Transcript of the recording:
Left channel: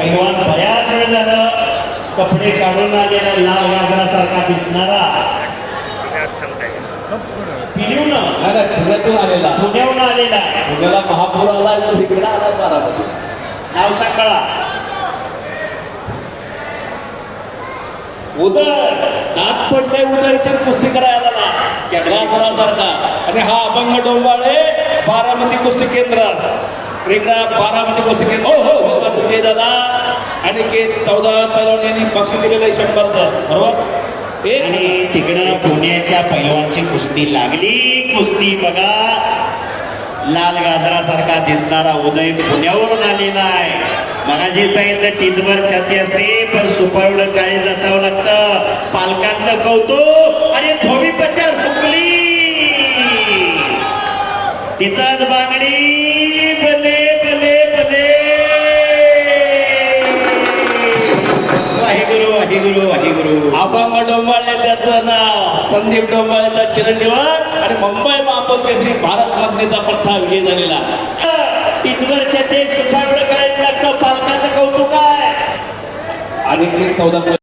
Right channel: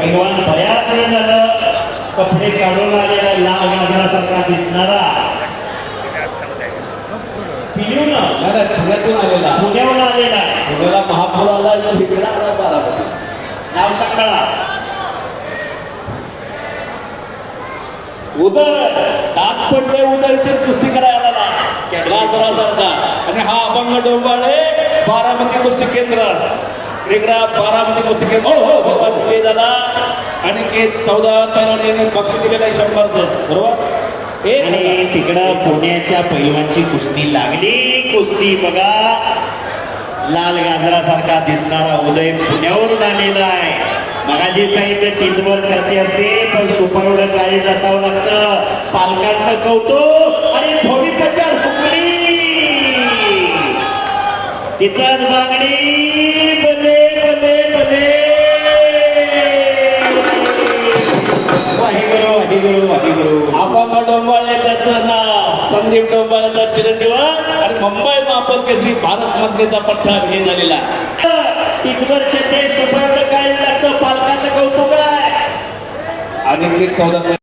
पैलवान बऱ्याच वेळ झालं. कपडे काढून आलेला लाल गाजरासारखा दिसणारा. पिलिवून. पुण्यातून आलेला. पुण्याहून आलेला. पुण्याला महापौराला इकडे आला नाव सांग मला. उदय. दात पडले उदयची कुस्ती करायला आला आणि हा अभंग डोंबाळे बारामती कुस्ती केंद्र. रेगडा बारामती कुस्ती केंद्र. हो हो हो. विजय दादा आणि के चौदा पैलवान यांनी बक्षीस दिलेलं आहे शंभरचं बरोबर? आणि तिकडं पुण्याच्या पैलवानची कुस्ती लागली. कुस्ती बघा. लाल गाजरासारखा दिसणारा उदय पुण्यावरून आलेला आहे. मला जे सांगितलं तिजवर छाती असते पण सुपा काळी काळीज लागतं. पालकांचं कौतुक आणि थोडी पचार हुकली तिथलाच वाहिगुरु वाहिगुरु वाहिगुरु अभंग डोंबाळे त्याचं नाव संदीप डोंबाळेचा चिरंजीव आणि मुंबई महापौर केसरी भारत मंत्रीचा पठ्ठा विजय झालेला. तिजवरच्या ते सुपाकडे काय लागतं? पालकाचं कौतुक आहे आणि ते चौदा